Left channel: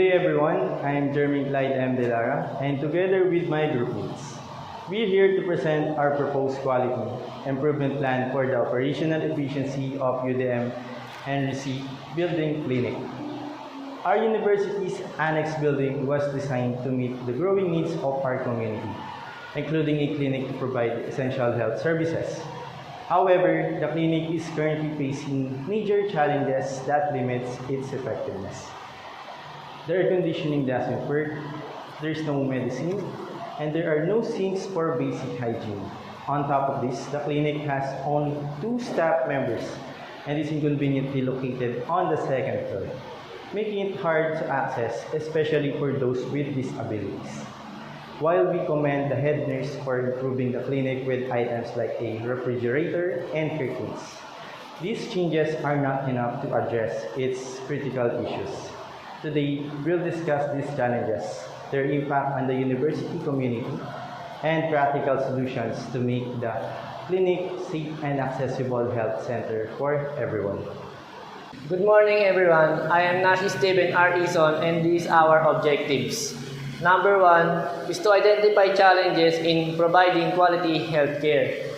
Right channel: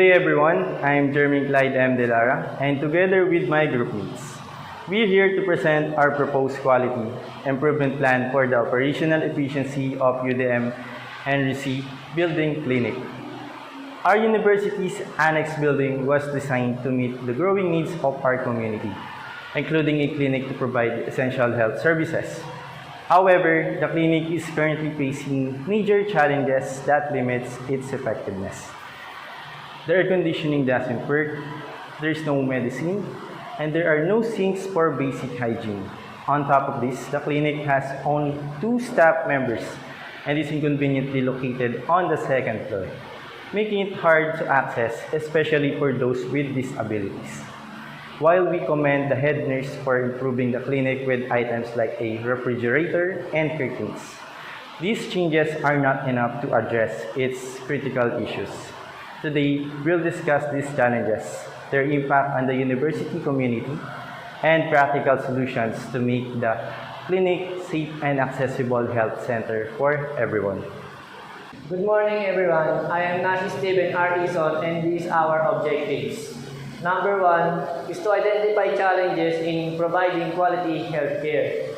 Good day everyone, I'm Jeremy Clyde M. Delara, and together with my group mates, we're here to present our proposed quality improvement plan for the operational efficiency of UDM-Henry building clinic. Our university's annex building was designed to meet the growing needs of our community, including a clinic to provide essential health services. However, the clinic is currently facing major challenges that limits its effectiveness. The air conditioning doesn't work, there is no medicine, and there are no sinks for basic hygiene. On top of this, the clinic has only 2 staff members and is inconveniently located on the second floor, making it hard to access, especially for those with disabilities. While we commend the head nurse for improving the clinic with items like a refrigerator and curtains, these changes are not enough to address its critical issues. Today, we'll discuss these challenges, their impact on the university community, and practical solutions to make the clinic safe and accessible health center for everyone. Good morning, everyone. I am Nashi Steven R. Ison, and these are our objectives. Number 1 is to identify challenges in providing quality healthcare.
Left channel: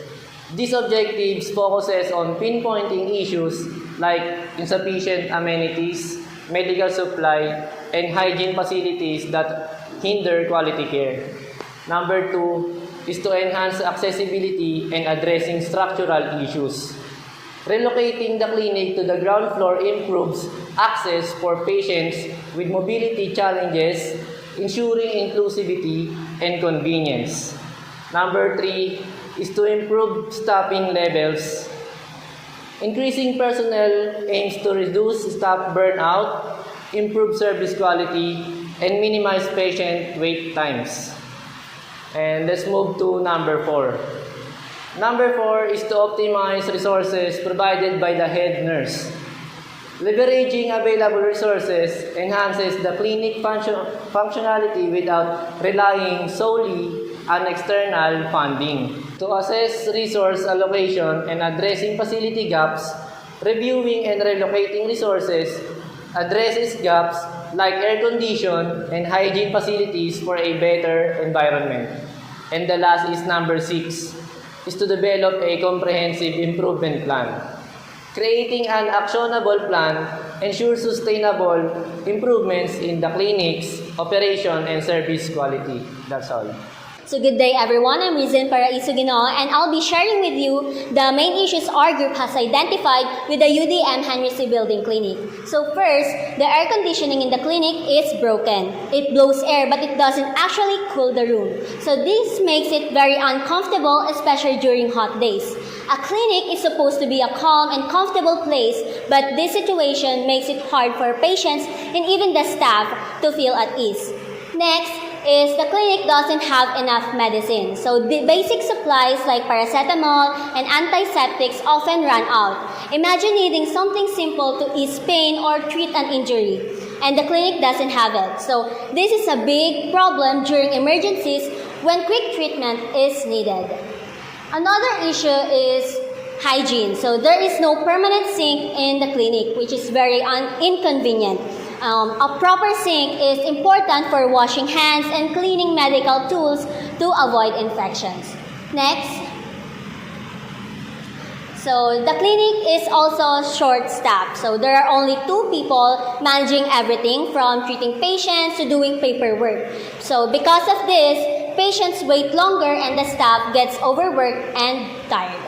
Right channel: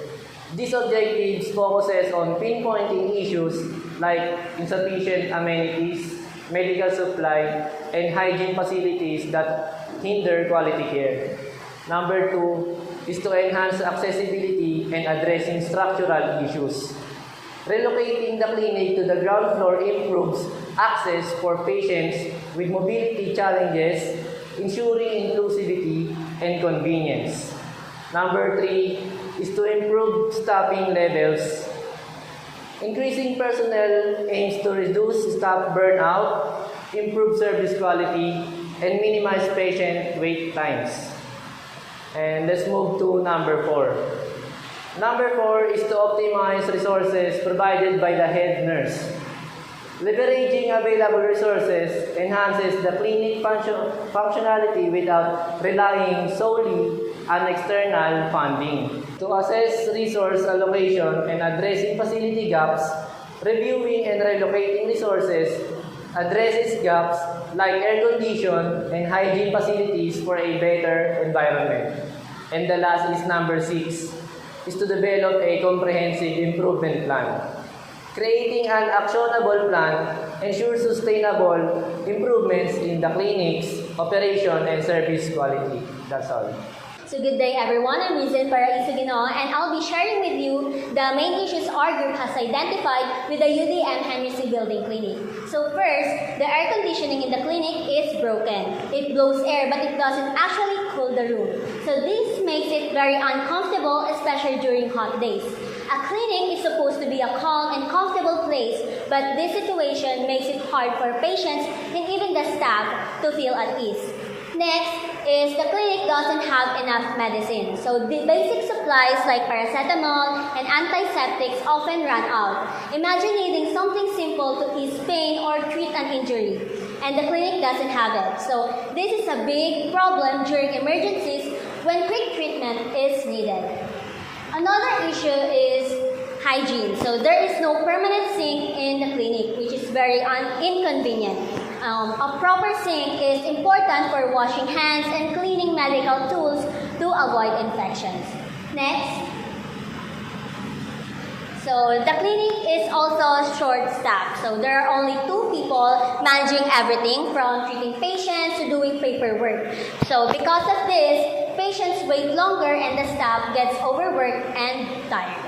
These objectives focuses on pinpointing issues like insufficient amenities, medical supply, and hygiene facilities that hinder quality care. Number 2 is to enhance accessibility and addressing structural issues. Relocating the clinic to the ground floor improves access for patients with mobility challenges, ensuring inclusivity and convenience. Number 3 is to improve staffing levels. Increasing personnel aims to reduce staff burnout, improve service quality, and minimize patient wait times. And let's move to number 4. Number 4 is to optimize resources provided by the head nurse. Leveraging available resources enhances the clinic functionality without relying solely on external funding. To assess resource allocation and addressing facility gaps, reviewing and relocating resources addresses gaps like air condition and hygiene facilities for a better environment. And the last is number 6, is to develop a comprehensive improvement plan. Creating an actionable plan ensures sustainable improvements in the clinic's operation and service quality. That's all. So good day everyone, I'm Rizin Paraisugino and I'll be sharing with you the main issues our group has identified with the UDM-Henry building clinic. So first, the air conditioning in the clinic is broken. It blows air but it doesn't actually cool the room. So this makes it very uncomfortable, especially during hot days. A clinic is supposed to be a calm and comfortable place, but this situation makes it hard for patients and even the staff to feel at ease. Next is the clinic doesn't have enough medicine. So the basic supplies like paracetamol and antiseptics often run out. Imagine needing something simple to ease pain or treat an injury, and the clinic doesn't have it. So this is a big problem during emergencies when quick treatment is needed. Another issue is hygiene. So there is no permanent sink in the clinic, which is very inconvenient. A proper sink is important for washing hands and cleaning medical tools to avoid infections. Next. So the clinic is also short-staffed. So there are only 2 people managing everything from treating patients to doing paperwork. So because of this, patients wait longer and the staff gets overworked and tired.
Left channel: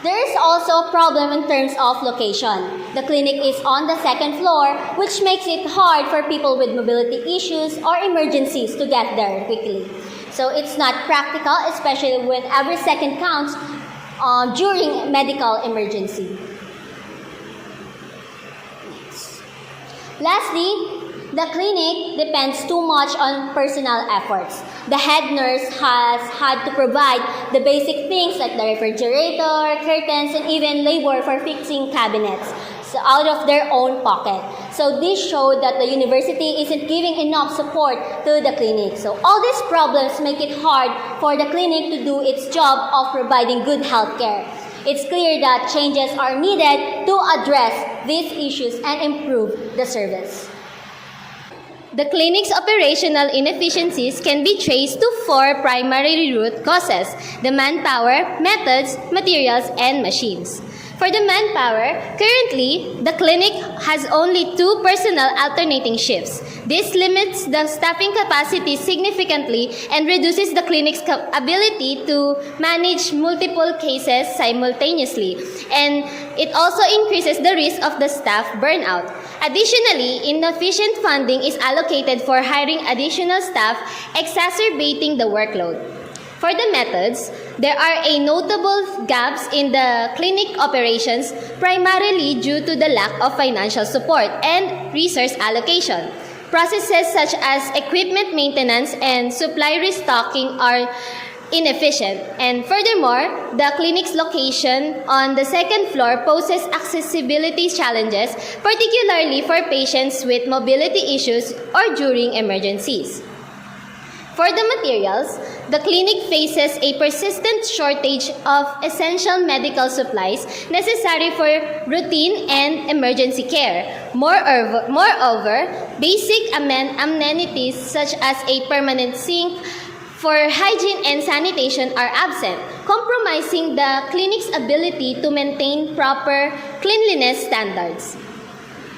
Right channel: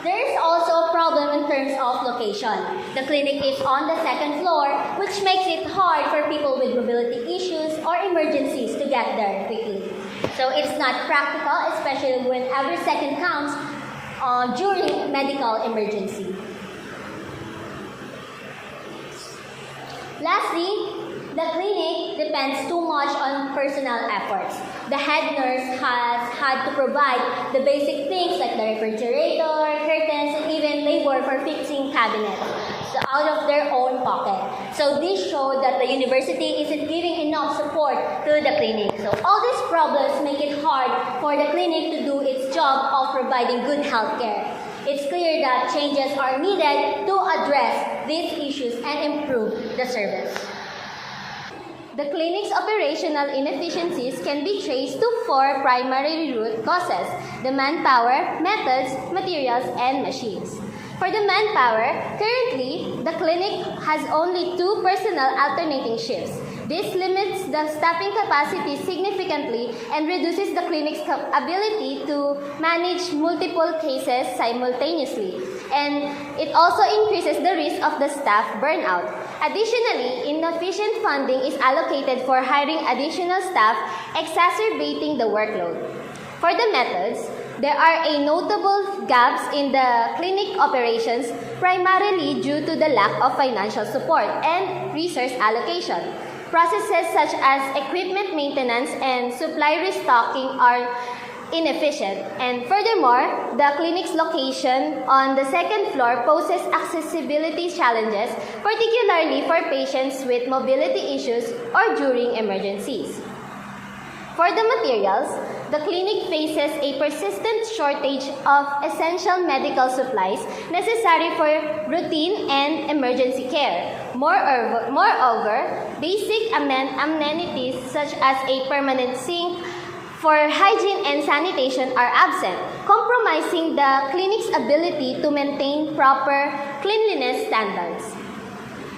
There is also a problem in terms of location. The clinic is on the 2nd floor, which makes it hard for people with mobility issues or emergencies to get there quickly. So it's not practical, especially when every second counts during medical emergency. Lastly, the clinic depends too much on personal efforts. The head nurse has had to provide the basic things like the refrigerator, curtains, and even labor for fixing cabinets out of their own pocket. So this showed that the university isn't giving enough support to the clinic. So all these problems make it hard for the clinic to do its job of providing good health care. It's clear that changes are needed to address these issues and improve the service. The clinic's operational inefficiencies can be traced to 4 primary root causes: the manpower, methods, materials, and machines. For the manpower, currently, the clinic has only 2 personnel alternating shifts. This limits the staffing capacity significantly and reduces the clinic's ability to manage multiple cases simultaneously. And it also increases the risk of the staff burnout. Additionally, inefficient funding is allocated for hiring additional staff, exacerbating the workload. For the methods, there are a notable gaps in the clinic operations, primarily due to the lack of financial support and resource allocation. Processes such as equipment maintenance and supply restocking are inefficient. And furthermore, the clinic's location on the second floor poses accessibility challenges, particularly for patients with mobility issues or during emergencies. For the materials, the clinic faces a persistent shortage of essential medical supplies necessary for routine and emergency care. Moreover, basic amenities such as a permanent sink for hygiene and sanitation are absent, compromising the clinic's ability to maintain proper cleanliness standards.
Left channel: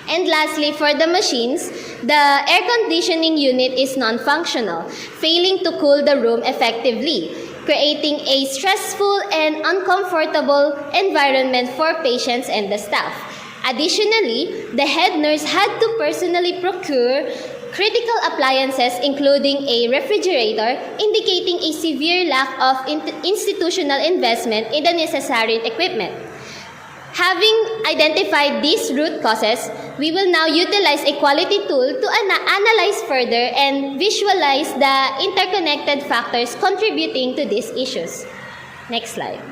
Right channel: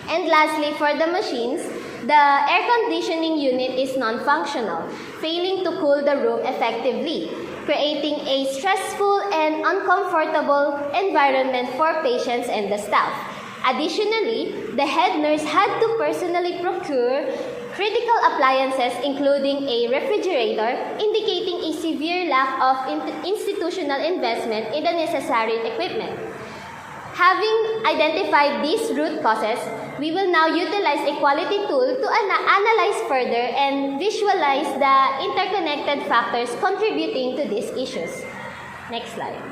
And lastly, for the machines, the air conditioning unit is non-functional, failing to cool the room effectively, creating a stressful and uncomfortable environment for patients and the staff. Additionally, the head nurse had to personally procure critical appliances including a refrigerator, indicating a severe lack of institutional investment in the necessary equipment. Having identified these root causes, we will now utilize a quality tool to analyze further and visualize the interconnected factors contributing to these issues. Next slide.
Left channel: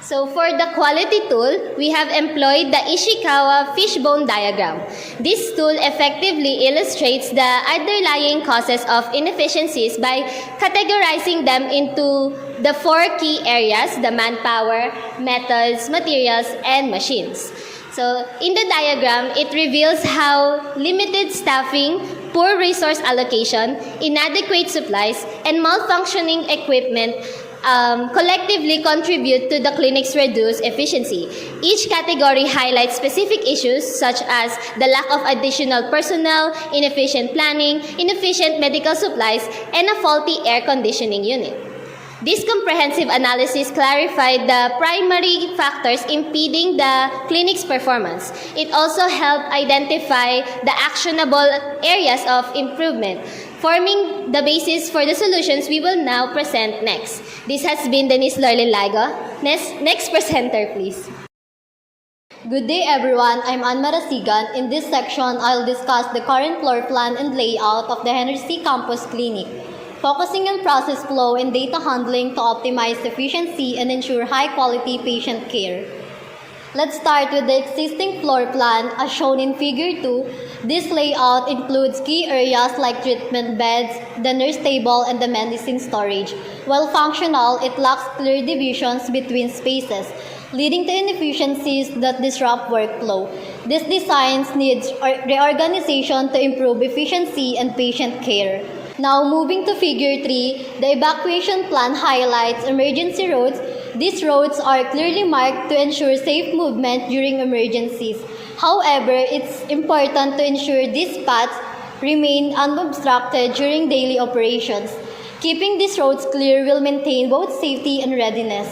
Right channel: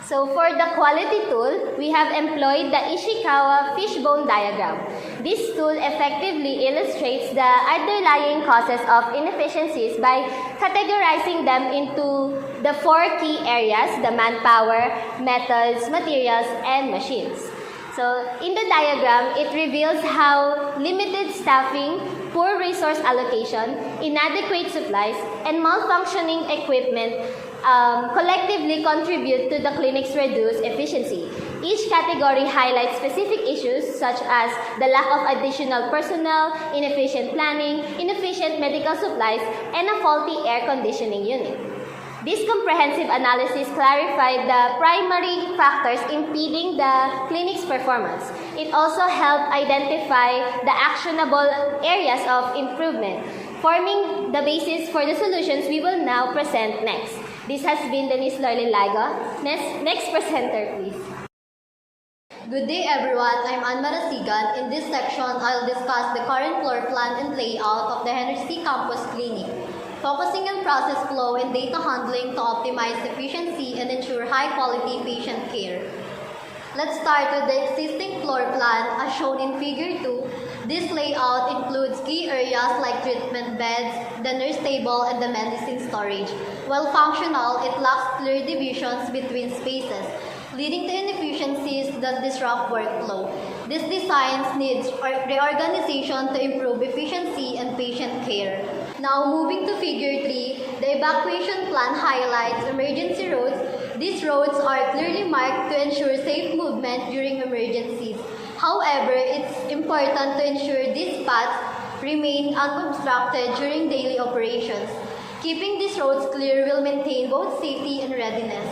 So for the quality tool, we have employed the Ishikawa fishbone diagram. This tool effectively illustrates the underlying causes of inefficiencies by categorizing them into the 4 key areas: the manpower, methods, materials, and machines. So in the diagram, it reveals how limited staffing, poor resource allocation, inadequate supplies, and malfunctioning equipment collectively contribute to the clinic's reduced efficiency. Each category highlights specific issues such as the lack of additional personnel, inefficient planning, inefficient medical supplies, and a faulty air conditioning unit. This comprehensive analysis clarified the primary factors impeding the clinic's performance. It also helped identify the actionable areas of improvement, forming the basis for the solutions we will now present next. This has been Denise Lorlin-Ligo. Next presenter, please. Good day everyone, I'm Ann Marasigan. In this section, I'll discuss the current floor plan and layout of the Henry C. Campus Clinic, focusing on process flow and data handling to optimize efficiency and ensure high-quality patient care. Let's start with the existing floor plan as shown in Figure 2. This layout includes key areas like treatment beds, the nurse table, and the medicine storage. While functional, it lacks clear divisions between spaces, leading to inefficiencies that disrupt workflow. This design needs reorganization to improve efficiency and patient care. Now moving to Figure 3, the evacuation plan highlights emergency roads. These roads are clearly marked to ensure safe movement during emergencies. However, it's important to ensure these paths remain unobstructed during daily operations. Keeping these roads clear will maintain both safety and readiness.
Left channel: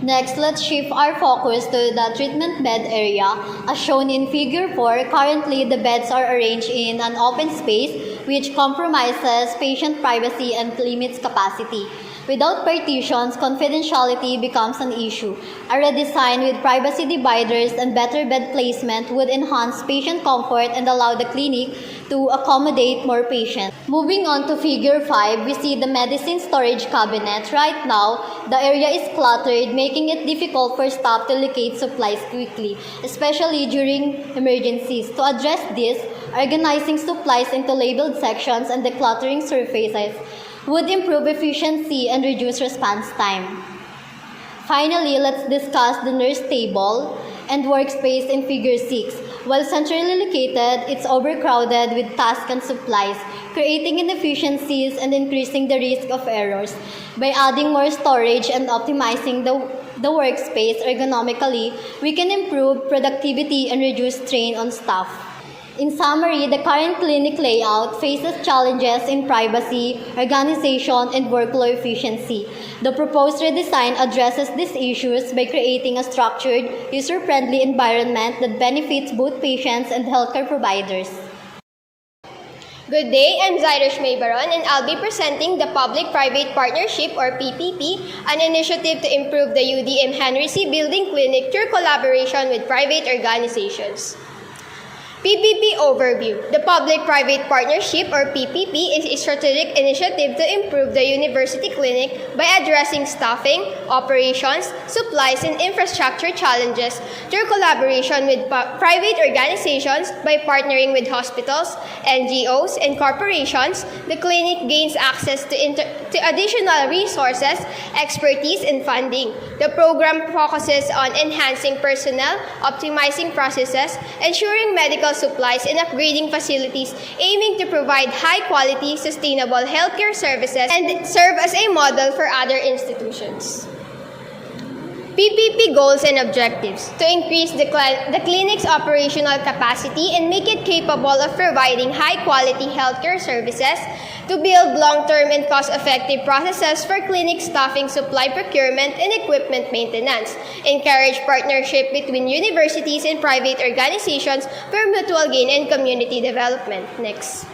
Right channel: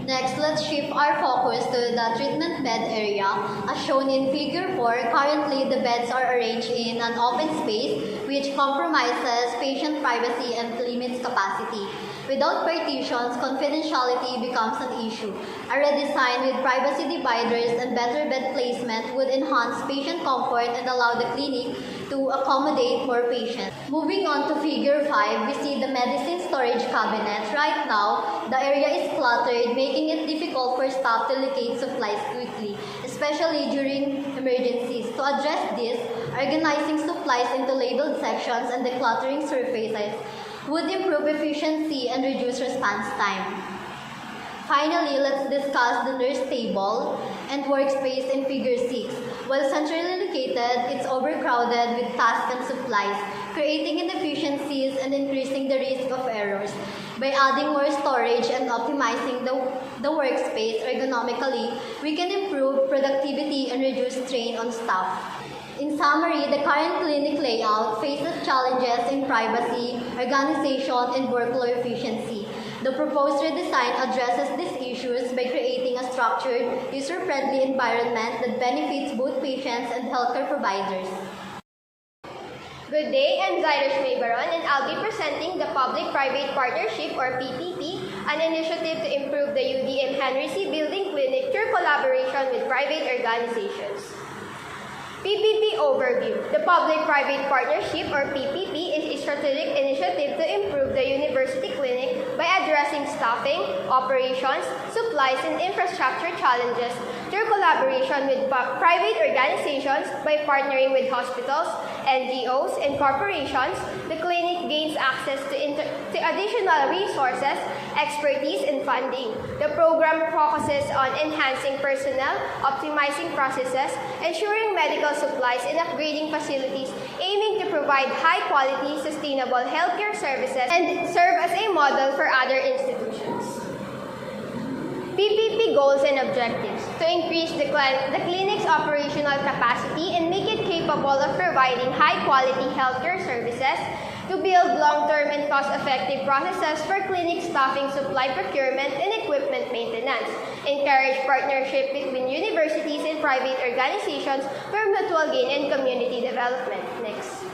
Next, let's shift our focus to the treatment bed area. As shown in Figure 4, currently the beds are arranged in an open space which compromises patient privacy and limits capacity. Without partitions, confidentiality becomes an issue. A redesign with privacy dividers and better bed placement would enhance patient comfort and allow the clinic to accommodate more patients. Moving on to Figure 5, we see the medicine storage cabinet. Right now, the area is cluttered, making it difficult for staff to locate supplies quickly, especially during emergencies. To address this, organizing supplies into labeled sections and decluttering surfaces would improve efficiency and reduce response time. Finally, let's discuss the nurse table and workspace in Figure 6. While centrally located, it's overcrowded with tasks and supplies, creating inefficiencies and increasing the risk of errors. By adding more storage and optimizing the workspace ergonomically, we can improve productivity and reduce strain on staff. In summary, the current clinic layout faces challenges in privacy, organization, and workflow efficiency. The proposed redesign addresses these issues by creating a structured, user-friendly environment that benefits both patients and healthcare providers. Good day, I'm Zairish Maybaron and I'll be presenting the Public-Private Partnership or PPP, an initiative to improve the UDM-Henry building clinic through collaboration with private organizations. PPP Overview. The Public-Private Partnership or PPP is a strategic initiative to improve the university clinic by addressing staffing, operations, supplies, and infrastructure challenges through collaboration with private organizations. By partnering with hospitals, NGOs, and corporations, the clinic gains access to additional resources, expertise, and funding. The program focuses on enhancing personnel, optimizing processes, ensuring medical supplies, and upgrading facilities, aiming to provide high-quality, sustainable healthcare services and serve as a model for other institutions. PPP goals and objectives: to increase the clinic's operational capacity and make it capable of providing high-quality healthcare services, to build long-term and cost-effective processes for clinic staffing, supply procurement, and equipment maintenance, encourage partnership between universities and private organizations for mutual gain and community development. Next.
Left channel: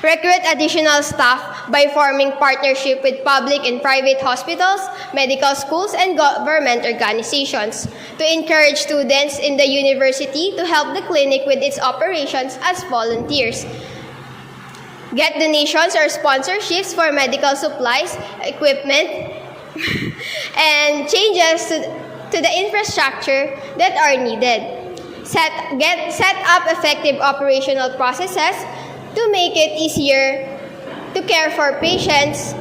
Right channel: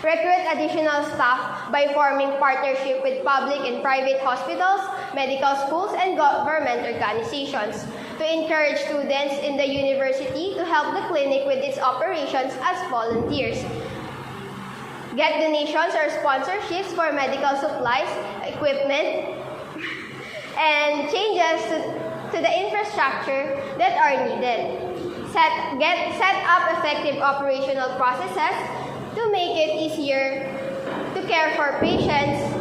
Recruit additional staff by forming partnership with public and private hospitals, medical schools, and government organizations. To encourage students in the university to help the clinic with its operations as volunteers. Get donations or sponsorships for medical supplies, equipment, and changes to the infrastructure that are needed. Set up effective operational processes to make it easier to care for patients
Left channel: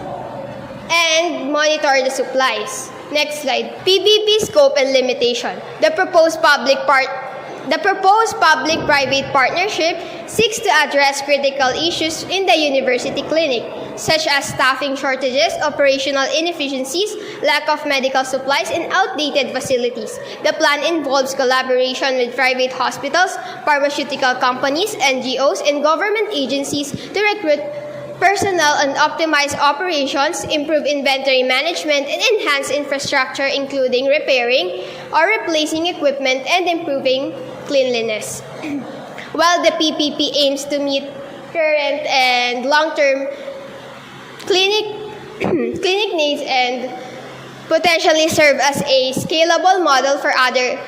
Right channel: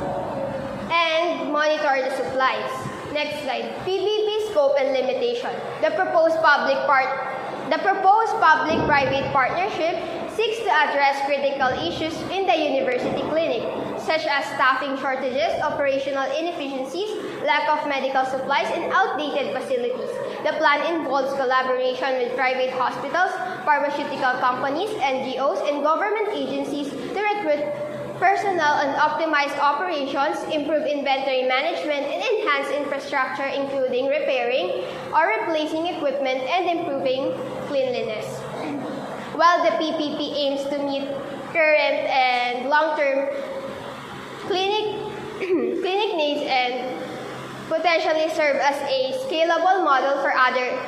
and monitor the supplies. Next slide. PPP scope and limitation. The proposed public-private partnership seeks to address critical issues in the university clinic, such as staffing shortages, operational inefficiencies, lack of medical supplies, and outdated facilities. The plan involves collaboration with private hospitals, pharmaceutical companies, NGOs, and government agencies to recruit personnel and optimize operations, improve inventory management, and enhance infrastructure, including repairing or replacing equipment and improving cleanliness. While the PPP aims to meet current and long-term clinic needs and potentially serve as a scalable model for other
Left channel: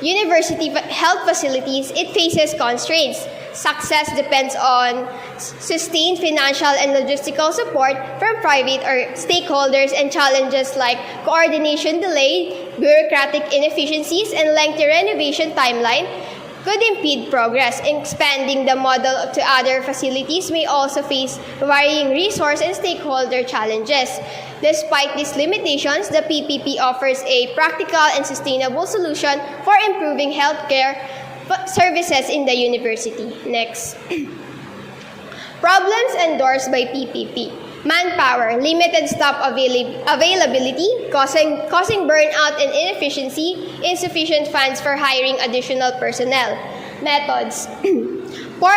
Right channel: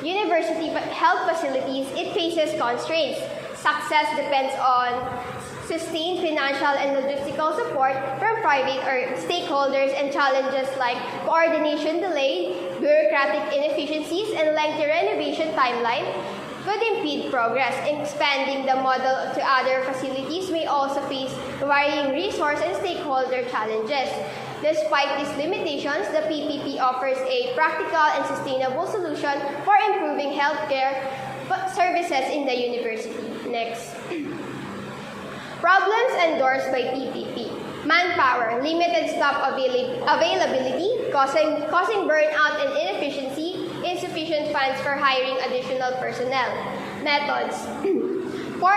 university health facilities, it faces constraints. Success depends on sustained financial and logistical support from private or stakeholders, and challenges like coordination delay, bureaucratic inefficiencies, and lengthy renovation timeline could impede progress. Expanding the model to other facilities may also face varying resource and stakeholder challenges. Despite these limitations, the PPP offers a practical and sustainable solution for improving healthcare services in the university. Next. Problems endorsed by PPP. Manpower, limited staff availability, causing burnout and inefficiency, insufficient funds for hiring additional personnel. Methods. Poor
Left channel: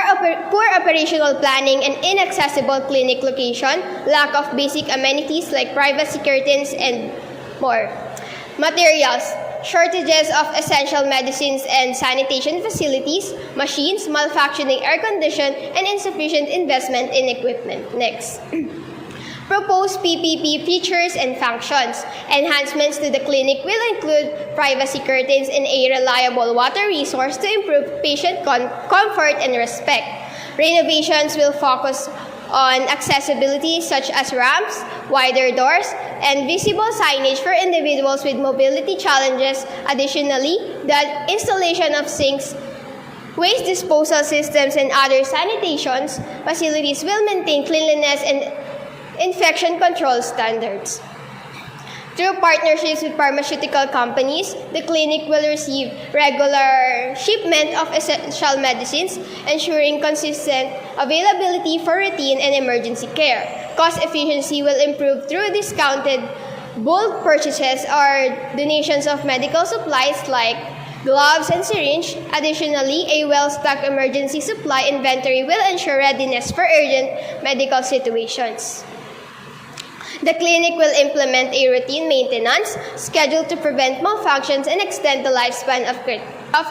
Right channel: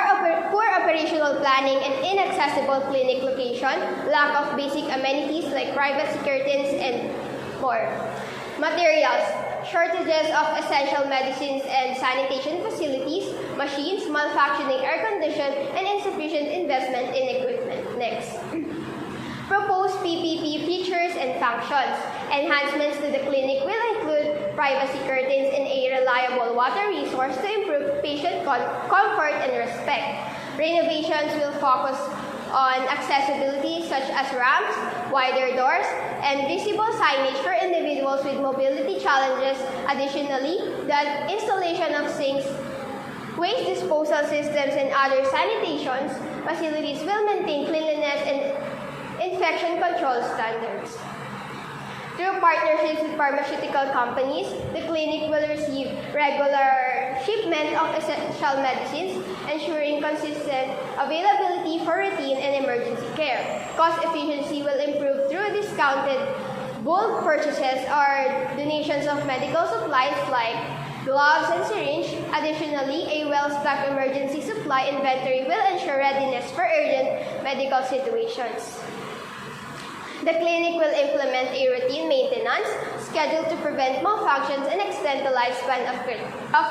operational planning and inaccessible clinic location, lack of basic amenities like privacy curtains, and more. Materials. Shortages of essential medicines and sanitation facilities, machines, malfunctioning air condition, and insufficient investment in equipment. Next. Proposed PPP features and functions. Enhancements to the clinic will include privacy curtains and a reliable water resource to improve patient comfort and respect. Renovations will focus on accessibility such as ramps, wider doors, and visible signage for individuals with mobility challenges. Additionally, the installation of sinks, waste disposal systems, and other sanitation facilities will maintain cleanliness and infection control standards. Through partnerships with pharmaceutical companies, the clinic will receive regular shipment of essential medicines, ensuring consistent availability for routine and emergency care. Cost efficiency will improve through discounted bulk purchases or donations of medical supplies like gloves and syringe. Additionally, a well-stocked emergency supply inventory will ensure readiness for urgent medical situations. The clinic will implement a routine maintenance schedule to prevent malfunctions and extend the lifespan of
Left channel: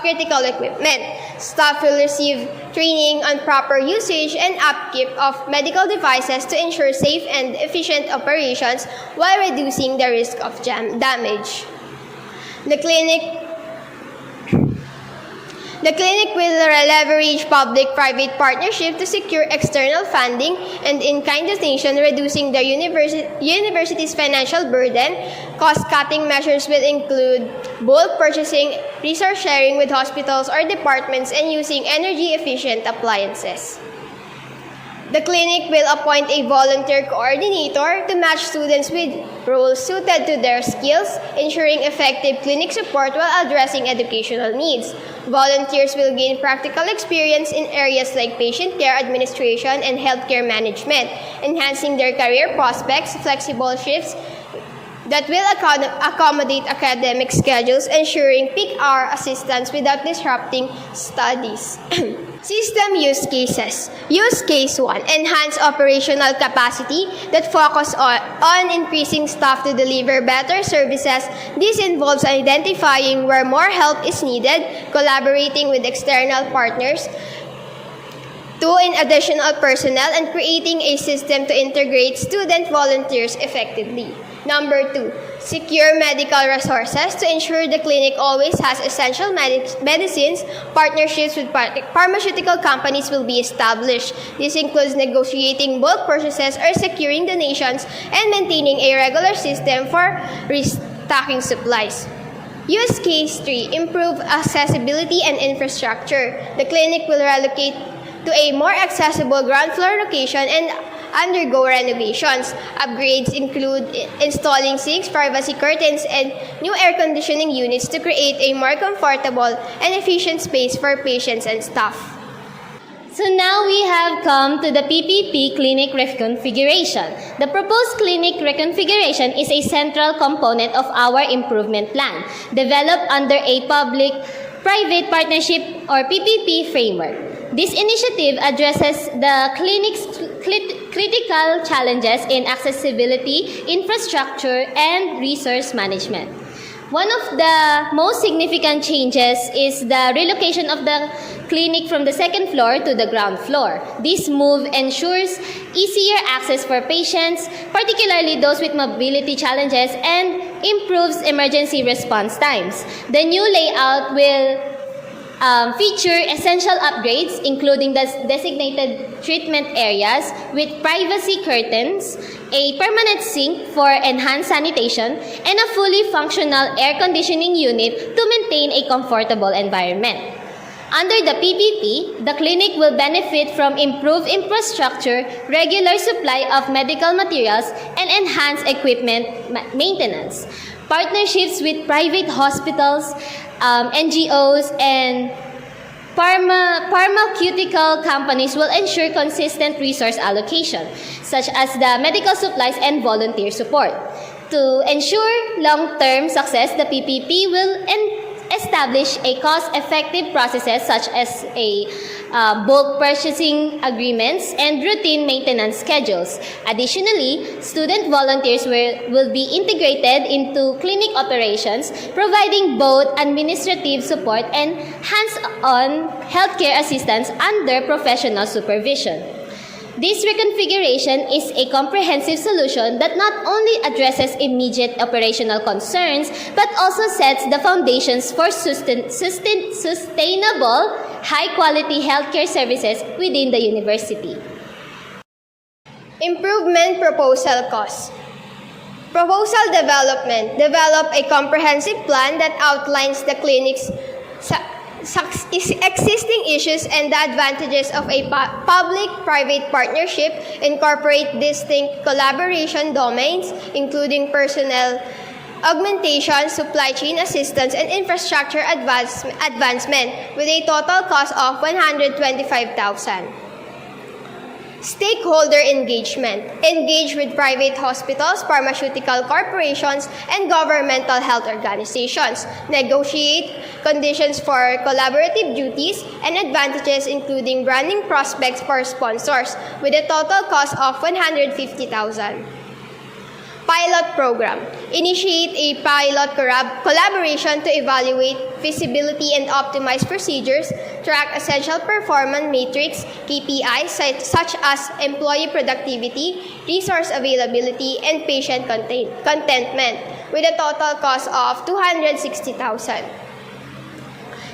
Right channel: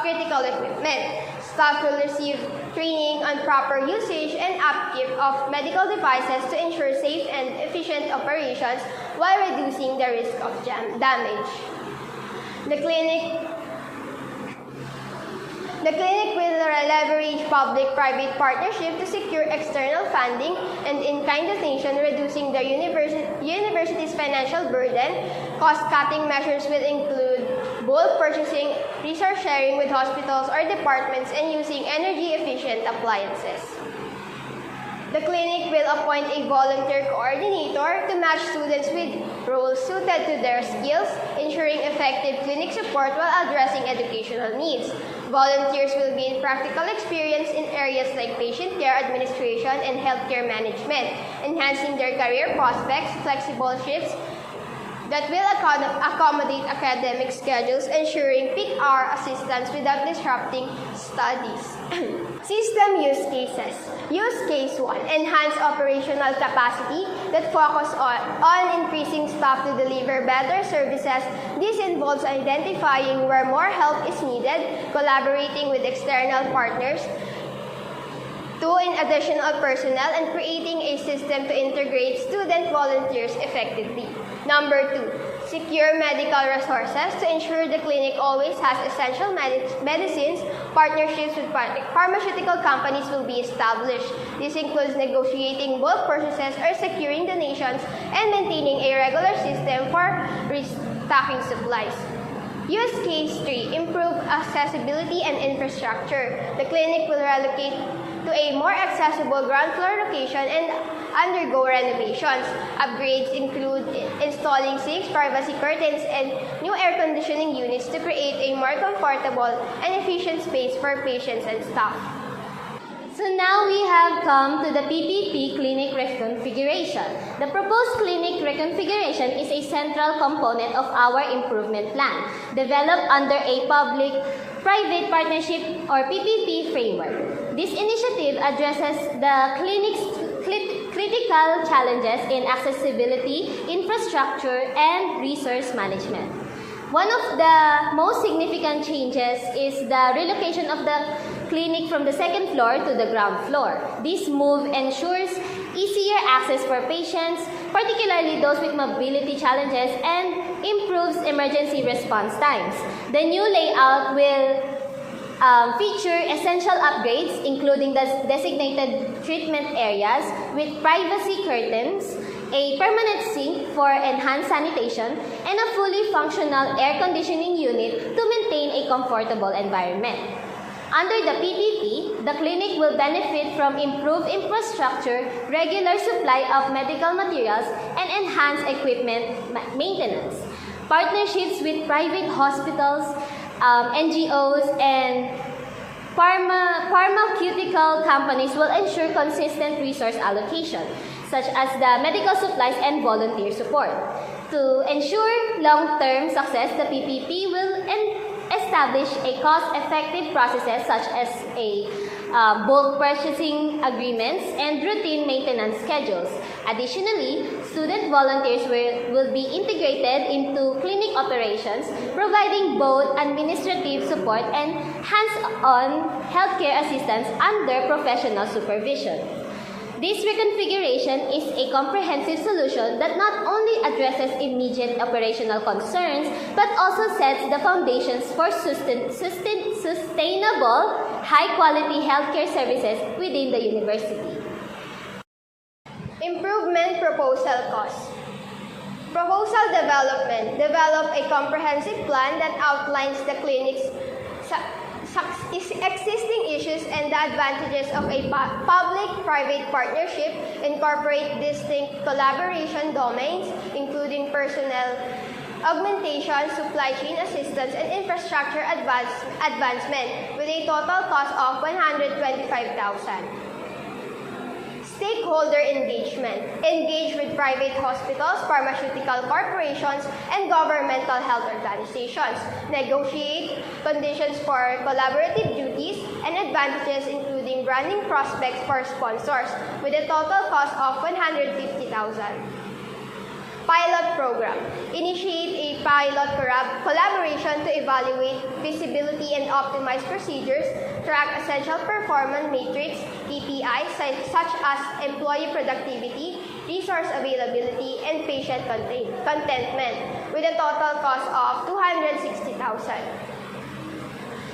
critical equipment. Staff will receive training on proper usage and upkeep of medical devices to ensure safe and efficient operations while reducing the risk of damage. The clinic will leverage public-private partnership to secure external funding and in-kind donation, reducing the university's financial burden. Cost-cutting measures will include bulk purchasing, resource sharing with hospitals or departments, and using energy-efficient appliances. The clinic will appoint a volunteer coordinator to match students with roles suited to their skills, ensuring effective clinic support while addressing educational needs. Volunteers will gain practical experience in areas like patient care administration and healthcare management, enhancing their career prospects. Flexible shifts that will accommodate academic schedules, ensuring peak hour assistance without disrupting studies. System use cases. Use case 1. Enhance operational capacity that focus on increasing staff to deliver better services. This involves identifying where more help is needed, collaborating with external partners, 2. In additional personnel, and creating a system to integrate student volunteers effectively. Number 2, secure medical resources to ensure the clinic always has essential medicines. Partnerships with pharmaceutical companies will be established. This includes negotiating bulk purchases or securing donations and maintaining a regular system for restocking supplies. Use case 3, improve accessibility and infrastructure. The clinic will relocate to a more accessible ground floor location and undergo renovations. Upgrades include installing sinks, privacy curtains, and new air conditioning units to create a more comfortable and efficient space for patients and staff. So now we have come to the PPP clinic reconfiguration. The proposed clinic reconfiguration is a central component of our improvement plan, developed under a public-private partnership or PPP framework. This initiative addresses the clinic's critical challenges in accessibility, infrastructure, and resource management. One of the most significant changes is the relocation of the clinic from the second floor to the ground floor. This move ensures easier access for patients, particularly those with mobility challenges, and improves emergency response times. The new layout will feature essential upgrades, including the designated treatment areas with privacy curtains, a permanent sink for enhanced sanitation, and a fully functional air conditioning unit to maintain a comfortable environment. Under the PPP, the clinic will benefit from improved infrastructure, regular supply of medical materials, and enhanced equipment maintenance. Partnerships with private hospitals, NGOs, and pharmaceutical companies will ensure consistent resource allocation, such as the medical supplies and volunteer support. To ensure long-term success, the PPP will establish a cost-effective processes such as bulk purchasing agreements and routine maintenance schedules. Additionally, student volunteers will be integrated into clinic operations, providing both administrative support and hands-on healthcare assistance under professional supervision. This reconfiguration is a comprehensive solution that not only addresses immediate operational concerns, but also sets the foundations for sustainable, high-quality healthcare services within the university. Improvement proposal costs. Proposal development. Develop a comprehensive plan that outlines the clinic's existing issues and the advantages of a public-private partnership. Incorporate distinct collaboration domains, including personnel augmentation, supply chain assistance, and infrastructure advancement with a total cost of 125,000. Stakeholder engagement. Engage with private hospitals, pharmaceutical corporations, and governmental health organizations. Negotiate conditions for collaborative duties and advantages including branding prospects for sponsors with a total cost of 150,000. Pilot program. Initiate a pilot collaboration to evaluate feasibility and optimize procedures, track essential performance metrics, KPIs such as employee productivity, resource availability, and patient contentment with a total cost of 260,000.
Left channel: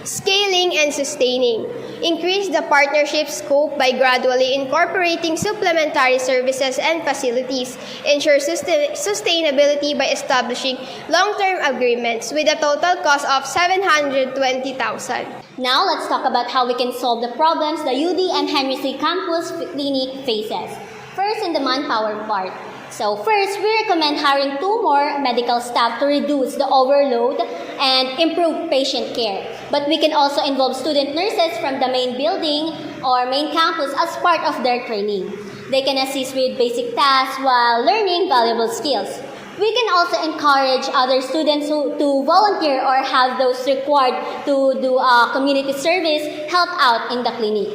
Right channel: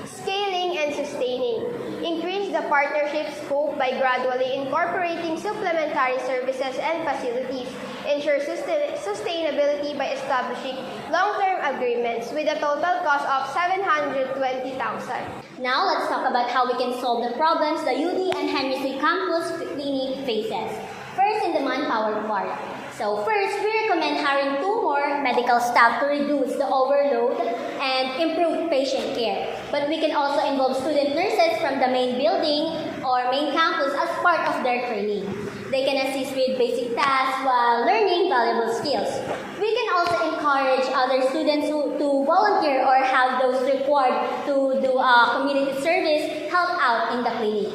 Scaling and sustaining. Increase the partnership scope by gradually incorporating supplementary services and facilities. Ensure sustainability by establishing long-term agreements with a total cost of 720,000. Now let's talk about how we can solve the problems the UDM-Henry Campus Clinic faces. First, in the manpower part. So first, we recommend hiring 2 more medical staff to reduce the overload and improve patient care. But we can also involve student nurses from the main building or main campus as part of their training. They can assist with basic tasks while learning valuable skills. We can also encourage other students to volunteer or have those required to do community service help out in the clinic.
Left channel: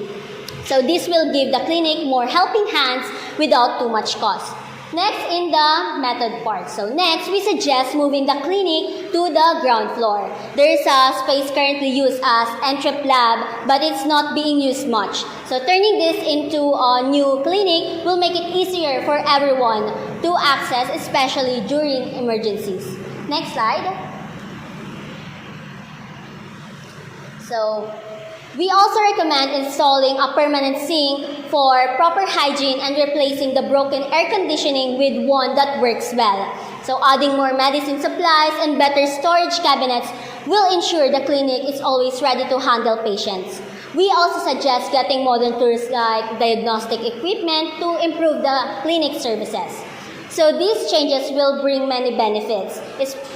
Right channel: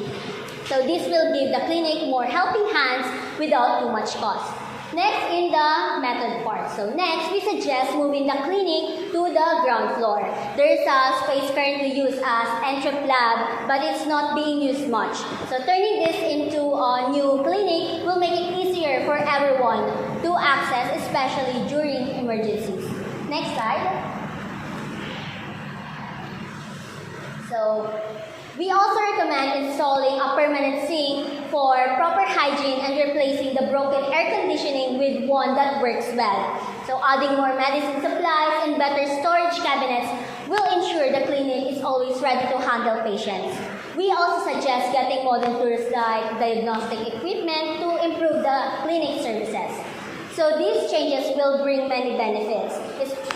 So this will give the clinic more helping hands without too much cost. Next, in the method part. So next, we suggest moving the clinic to the ground floor. There is a space currently used as entrep lab, but it's not being used much. So turning this into a new clinic will make it easier for everyone to access, especially during emergencies. Next slide. So we also recommend installing a permanent sink for proper hygiene and replacing the broken air conditioning with one that works well. So adding more medicine supplies and better storage cabinets will ensure the clinic is always ready to handle patients. We also suggest getting modern tools like diagnostic equipment to improve the clinic services. So these changes will bring many benefits.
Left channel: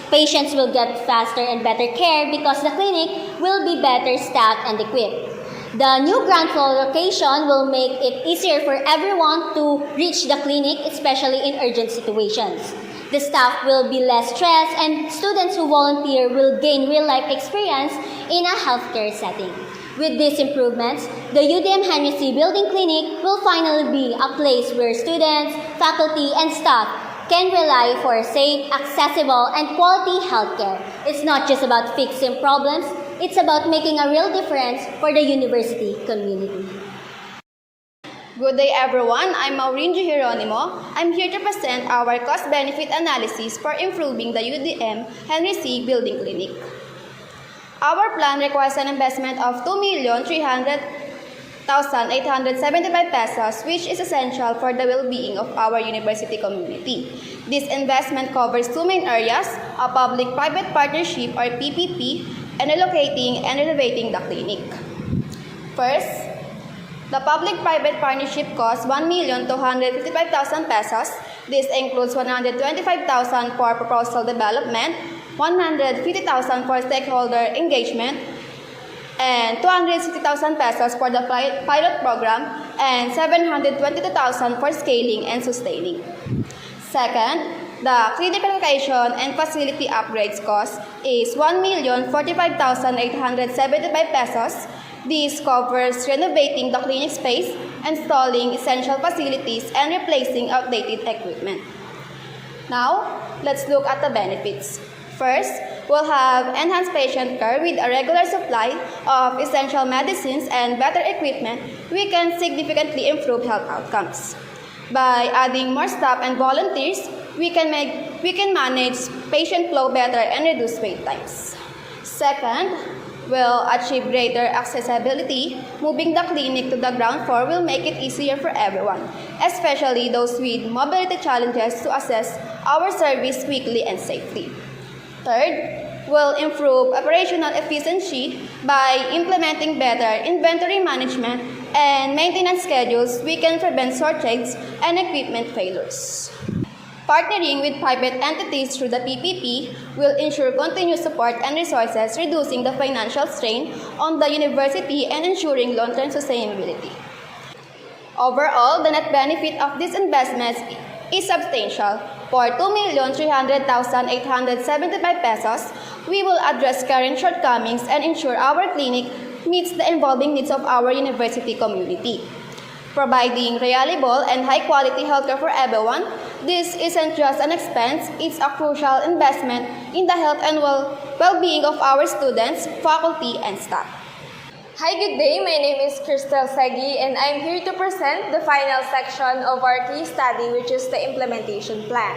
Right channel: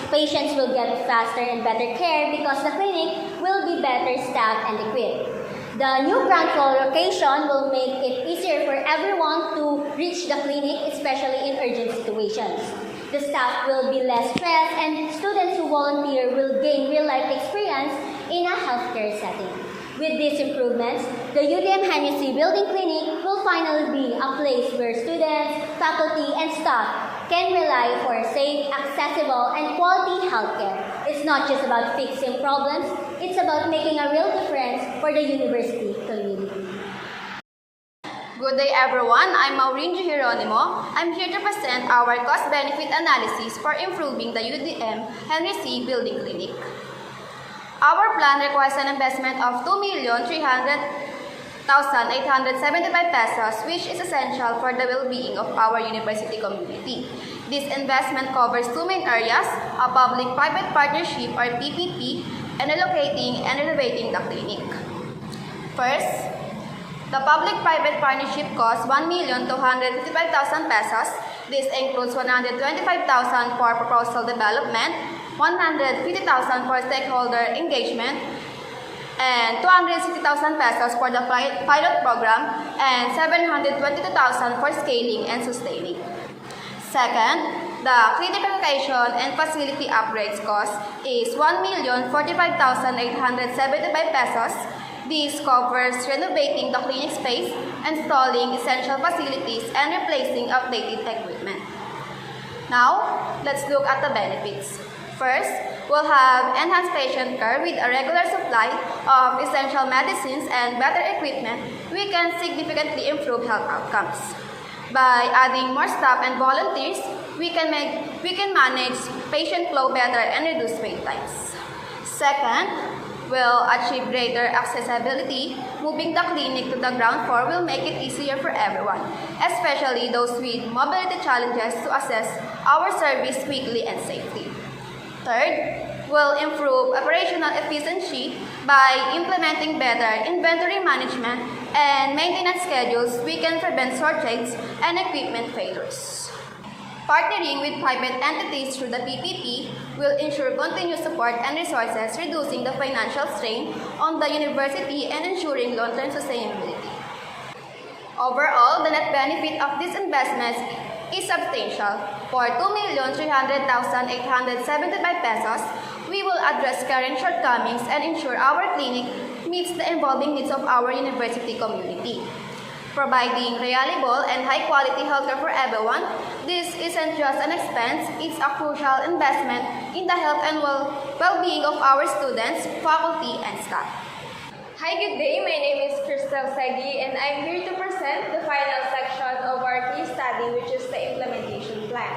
Patients will get faster and better care because the clinic will be better staffed and equipped. The new ground floor location will make it easier for everyone to reach the clinic, especially in urgent situations. The staff will be less stressed and students who volunteer will gain real-life experience in a healthcare setting. With these improvements, the UDM-Henry Building Clinic will finally be a place where students, faculty, and staff can rely for safe, accessible, and quality healthcare. It's not just about fixing problems, it's about making a real difference for the university community. Good day everyone, I'm Maureen Geronimo. I'm here to present our cost-benefit analysis for improving the UDM-Henry Building Clinic. Our plan requires an investment of 2,300,875 pesos, which is essential for the well-being of our university community. This investment covers 2 main areas, a public-private partnership or PPP, and relocating and renovating the clinic. First, the public-private partnership costs 1,255,000 pesos. This includes 125,000 for proposal development, 150,000 for stakeholder engagement, and 260,000 pesos for the pilot program, and 722,000 for scaling and sustaining. Second, the clinic relocation and facility upgrades cost is 1,045,875 pesos. This covers renovating the clinic space, installing essential facilities, and replacing outdated equipment. Now, let's look at the benefits. First, we'll have enhanced patient care with a regular supply of essential medicines and better equipment. We can significantly improve health outcomes. By adding more staff and volunteers, we can manage patient flow better and reduce wait times. Second, we'll achieve greater accessibility. Moving the clinic to the ground floor will make it easier for everyone, especially those with mobility challenges, to access our service quickly and safely. Third, we'll improve operational efficiency by implementing better inventory management and maintenance schedules. We can prevent shortages and equipment failures. Partnering with private entities through the PPP will ensure continuous support and resources, reducing the financial strain on the university and ensuring long-term sustainability. Overall, the net benefit of these investments is substantial. For 2,300,875 pesos, we will address current shortcomings and ensure our clinic meets the evolving needs of our university community. Providing reliable and high-quality healthcare for everyone, this isn't just an expense, it's a crucial investment in the health and well-being of our students, faculty, and staff. Hi, good day. My name is Crystal Segi, and I'm here to present the final section of our case study, which is the implementation plan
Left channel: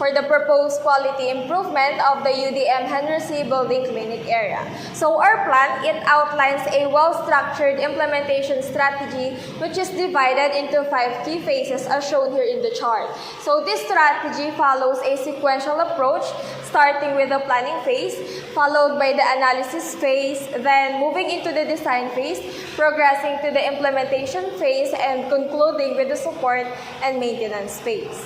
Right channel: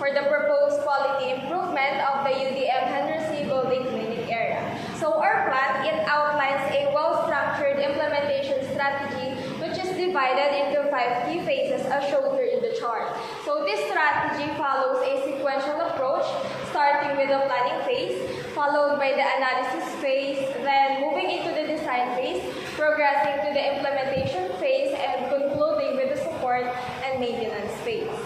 for the proposed quality improvement of the UDM-Henry building clinic area. So our plan, it outlines a well-structured implementation strategy, which is divided into 5 key phases as shown here in the chart. So this strategy follows a sequential approach, starting with the planning phase, followed by the analysis phase, then moving into the design phase, progressing to the implementation phase, and concluding with the support and maintenance phase.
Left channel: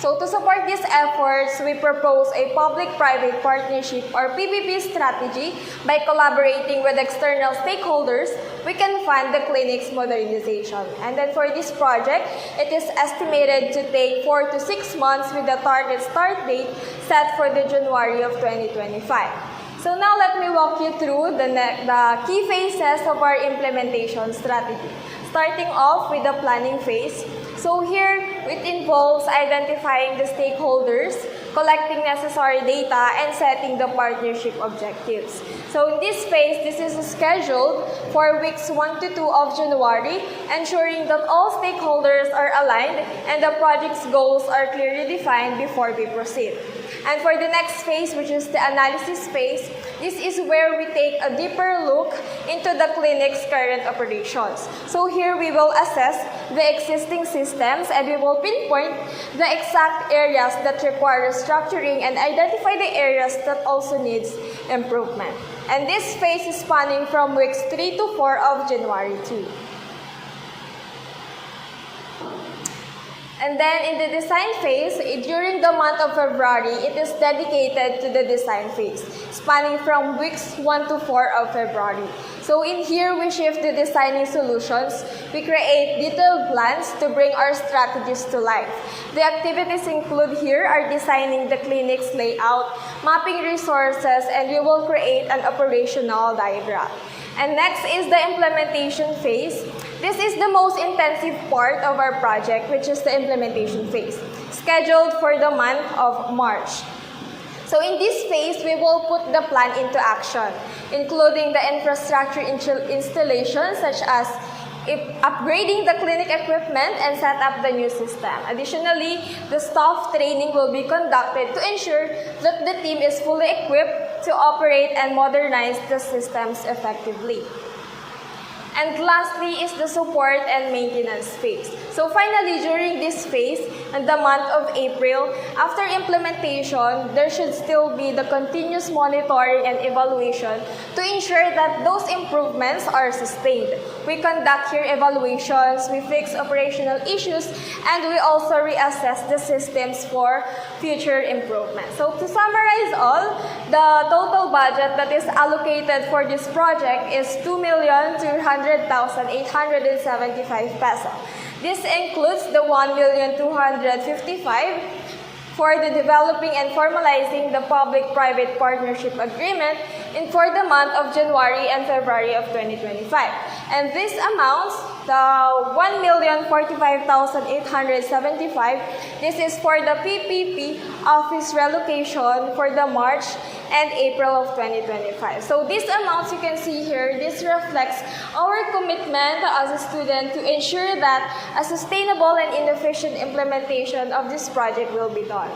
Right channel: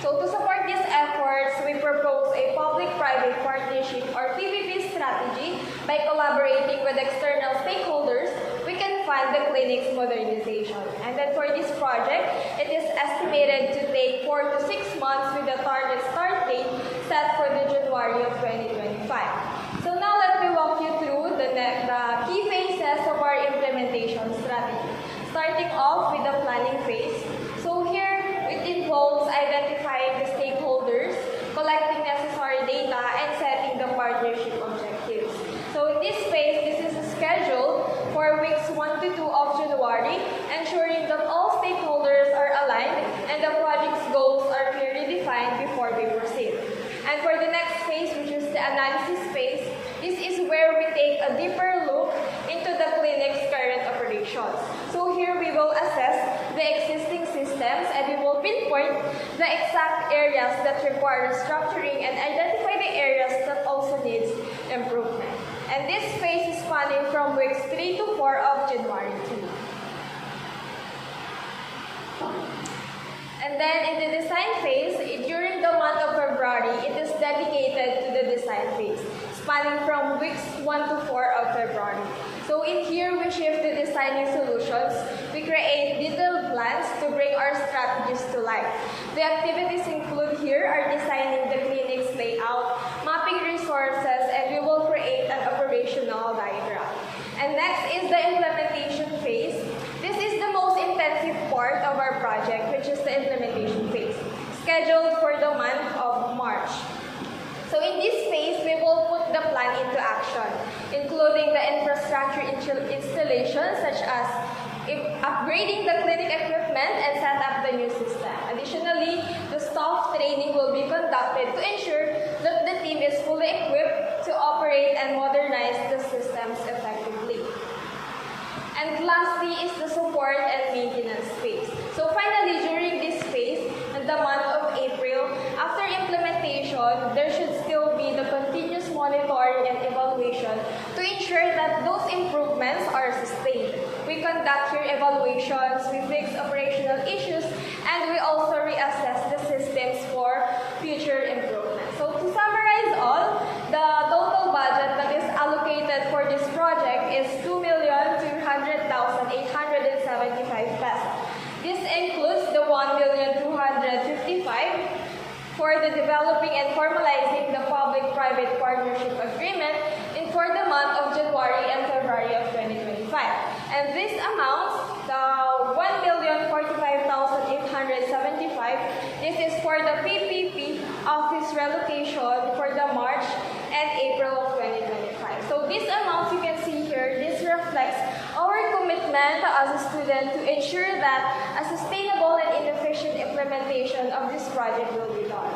So to support these efforts, we propose a public-private partnership or PPP strategy. By collaborating with external stakeholders, we can fund the clinic's modernization. And then for this project, it is estimated to take 4 to 6 months with the target start date set for the January of 2025. So now let me walk you through the key phases of our implementation strategy. Starting off with the planning phase. So here, it involves identifying the stakeholders, collecting necessary data, and setting the partnership objectives. So in this phase, this is scheduled for weeks 1 to 2 of January, ensuring that all stakeholders are aligned and the project's goals are clearly defined before we proceed. And for the next phase, which is the analysis phase, this is where we take a deeper look into the clinic's current operations. So here we will assess the existing systems and we will pinpoint the exact areas that require restructuring and identify the areas that also needs improvement. And this phase is spanning from weeks 3 to 4 of January 2. And then in the design phase, during the month of February, it is dedicated to the design phase, spanning from weeks 1 to 4 of February. So in here, we shift to designing solutions. We create detailed plans to bring our strategies to life. The activities include here are designing the clinic's layout, mapping resources, and we will create an operational diagram. And next is the implementation phase. This is the most intensive part of our project, which is the implementation phase, scheduled for the month of March. So in this phase, we will put the plan into action, including the infrastructure installation such as upgrading the clinic equipment and set up the new system. Additionally, the staff training will be conducted to ensure that the team is fully equipped to operate and modernize the systems effectively. And lastly is the support and maintenance phase. So finally, during this phase, in the month of April, after implementation, there should still be the continuous monitoring and evaluation to ensure that those improvements are sustained. We conduct here evaluations, we fix operational issues, and we also reassess the systems for future improvement. So to summarize all, the total budget that is allocated for this project is 2,200,875 pesos. This includes the 1,255,000 for the developing and formalizing the public-private partnership agreement and for the month of January and February of 2025. And this amounts the 1,045,875. This is for the PPP office relocation for the March and April of 2025. So these amounts you can see here, this reflects our commitment as a student to ensure that a sustainable and inefficient implementation of this project will be done.